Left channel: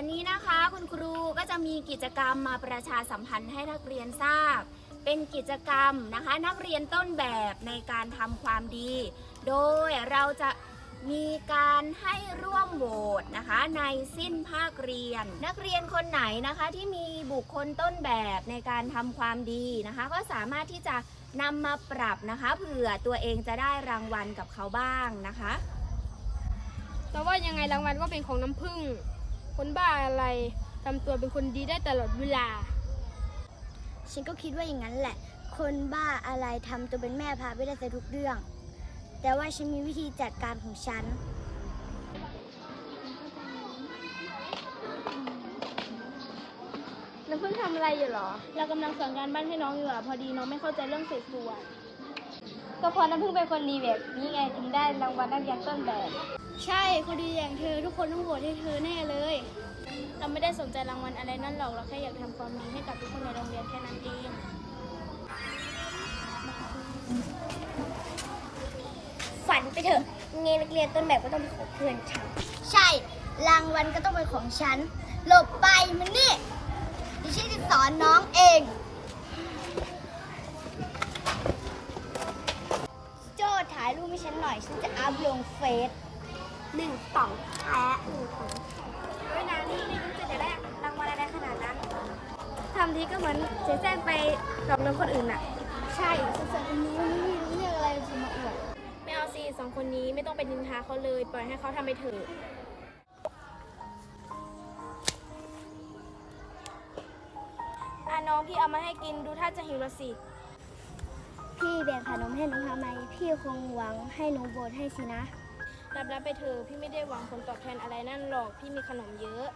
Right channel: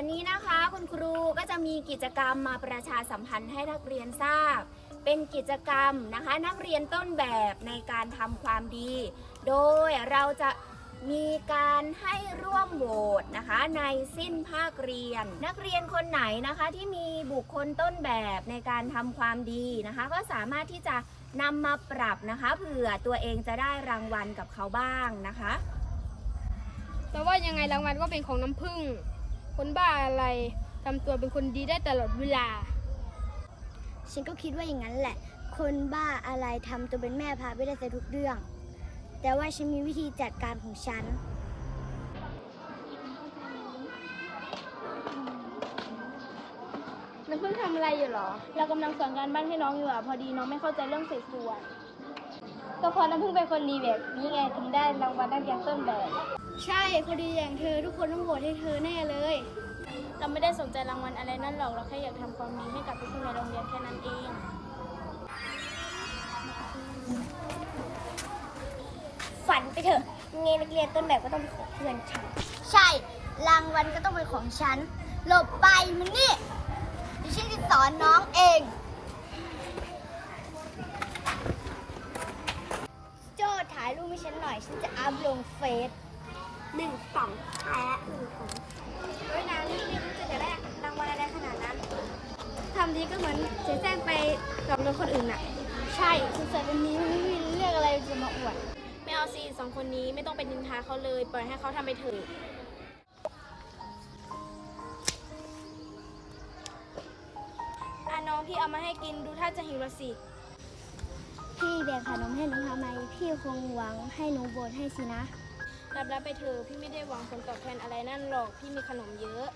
วันนี้นะคะคุณครูก็จะมีกิจกรรมมาประชาสัมพันธ์ให้นักเรียนทราบ เป็นกิจกรรมนะคะ นักเรียนต้นแบบในการทำความดี โดยเราจะมีการให้ร่วมโหวตนะคะ ในสิ้นภาคเรียน นักเรียนคนไหนนะคะที่มีบุคคลต้นแบบในการทำความดีนะคะ ก็สามารถที่จะนำมาปรับนะคะเผื่อตัวเองจะได้รางวัลกับเขาบ้างนะคะ แต่ว่ายังไงรางวัลก็เป็นของน้ำผึ้ง คนบ้าอะไรทำตัวเป็นคนดีได้ตลอดเวลา ฉันก็คิดว่าอย่างนั้นแหละ คนบ้าอะไรทำตัวเป็นแม่พาไปได้ซะทุกเรื่อง แต่ว่าฉันมีวิธีจัดการของฉันน้ำผึ้งทำอะไรอยู่หรอ เรากำลังสอนการบ้านให้น้องอยู่อะ พอดีน้องไม่เข้าใจเรื่องเศษส่วน ก็เพอน้ำผึ้งเป็นคนดีแบบนี้ไงถึงได้รางวัลนักเรียนต้นแบบ ใช่คนดีอย่างเธอ ทุกคนต้องโหวตให้เธอแน่เลย เราไม่ได้สนใจรางวัลอะไรนั่นหรอกเราแค่อยากทำความดีให้กับทุกคนในโรงเรียนแค่นั้นเอง ฝันไปเถอะเงนักเรียนต้นแบบก็ต้องเป็นของเพื่อนฉันใช่ รางวัลก็ต้องเป็นของฉัน หลบไปมันนี่ดิฉันจะสอนน้องเอง โจ้ถ่ายรูปให้ฉันหน่อย ฉันจะอัพลงเฟซ หนึ่งสองแพ้หนึ่งสองเฮ้ยนานี่ไม่รู้จะจะได้รางวัลอะไรขนาดนั้นทำทีก็เหมือนเสียแซงไปหลอกเงินคนอื่นน่ะ ใช่สงสัยวันนี้มันไม่มีเรื่องอะไรจะมาอวดไม่เอาสิสองคนนี้ไม่ต้องไปนินทาเขาเลย ปล่อยให้เขาทำไปเถอะอะน้องพี่เอามาให้กินดูถ้าจะหิวละสิ พี่แบ่งขนมให้น้องทำไม พี่คงหวังให้หนูโบนให้สินะ รับรับไปเถอะพี่ไม่ได้หวังผลตอบแทนอะไรนั่นหรอกพี่มีขนมเยอะ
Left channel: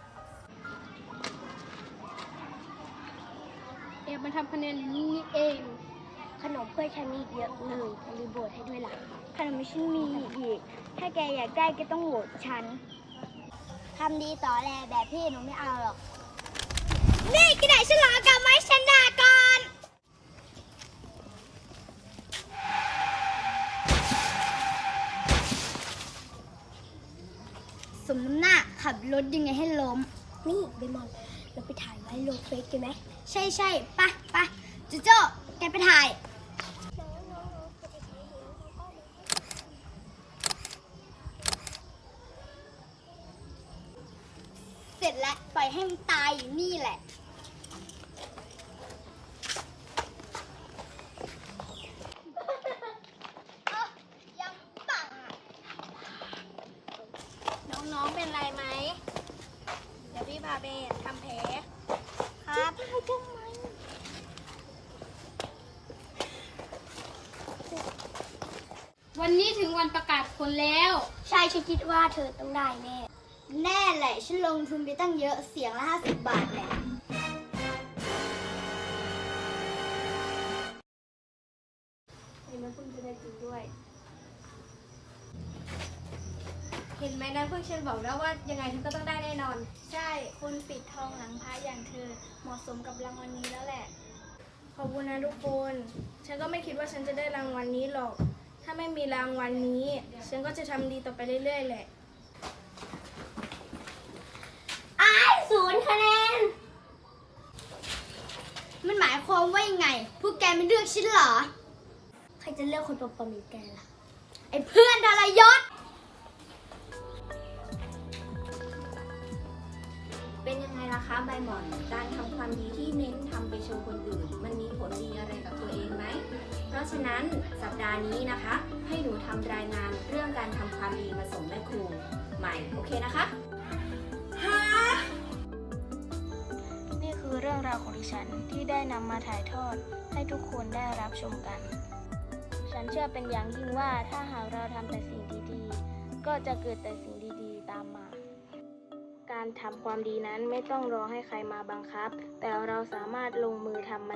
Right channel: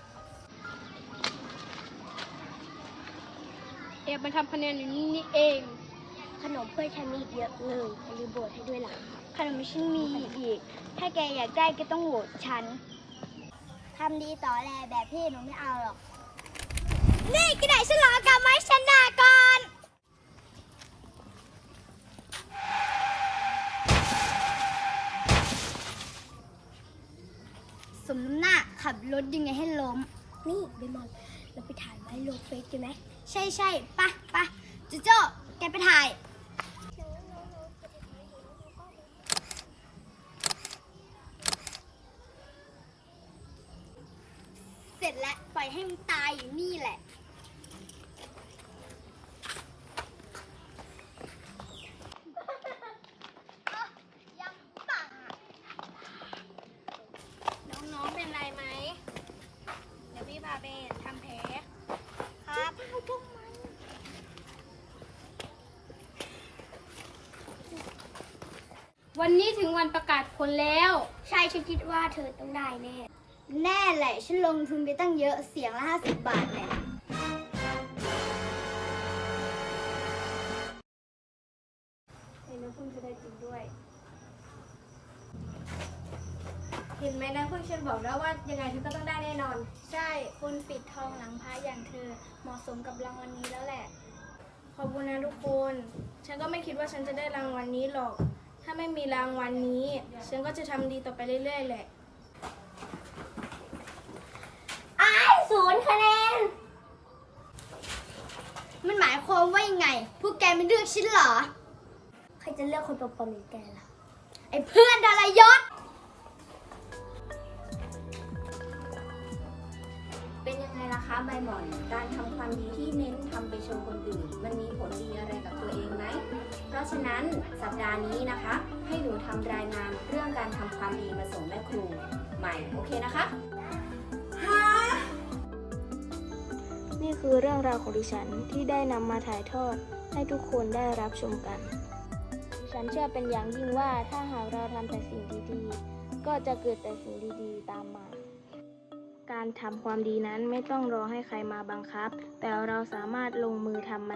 เอบมาทำคะแนนอยู่นี่นี่เอง ขนมเพื่อนฉันมีอีกเยอะเลยอย่าลืมโบดให้ด้วยล่ะ ขนมฉันมีอีก ถ้าแกอยากได้ก็ต้องโหวตฉันทำดีต่อแลแบบพี่หนูไม่เอาหรอก นี่กินไหนฉันหลอกกับไม้ชนะก่อน มน้ำหน้าขับรถยังไงให้ล้ม นี่เบมอนเราไปถ่ายไว้ลงเฟซกันไหมใช่ใช่ปะปะจูโจ้แกไปถ่าย เสร็จแล้วปล่อยให้มันตายอยู่นี่แหละ น้ องๆเป็นไรไหม เดี๋ยวพี่พาไปทำแผล ครับวันนี้ถึงวันประกาศผลแล้ว ใช่ฉันคิดว่าเธอต้องได้แน่ แน่แหละ ฉันลงทุนไปตั้งเยอะเสียงละห้าสิบบาทแหละ เห็นน้ำพึ่งจะได้จริงด้วย เห็นไหมนะพึ่งฉันบอกแล้วว่ายังไงเธอก็ต้องได้แน่นอน ใช่คนปิดทองหลังพระอย่างเธอเหมาะสมกับรางวัลนี้แล้วแหละ ขอบคุณนะทุกคน ฉันก็ไม่คิดว่าฉันจะได้รางวัลนี้หรอก ถ้าไม่มีรางวัลนี้ ฉันก็จะทำดีต่อไปเรื่อยๆแหละ อ้ายศูนย์คะแนน มันหมายความว่ายังไง พวกแกไม่เลือกฉันเหรอ ใครจะเลือกคนปลอมๆอย่างแกล่ะ ไอ้เพื่อนดารยศ เป็นยังไงล่ะคะใบหมอน การทำความดีที่เน้นทำไปโชมคนอื่น มันมีผลดีอะไรกับตัวเองไหม เพราะฉะนั้นสัปดาห์นี้นะคะ ให้หนูทำรายงานเรื่องการทำความดีมาส่งแม่ครูใหม่โอเคนะคะนี่คือเรื่องราวของดิฉันที่ได้นำมาถ่ายทอดให้ทุกคนได้รับชมกัน ฉันเชื่อเป็นอย่างยิ่งว่าถ้าหากเราทำแต่สิ่งดีๆ ก็จะเกิดแต่สิ่งดีๆ ตามมา การทำความดีนั้นไม่ต้องรอให้ใครมาบังคับ แต่เราสามารถลงมือทำ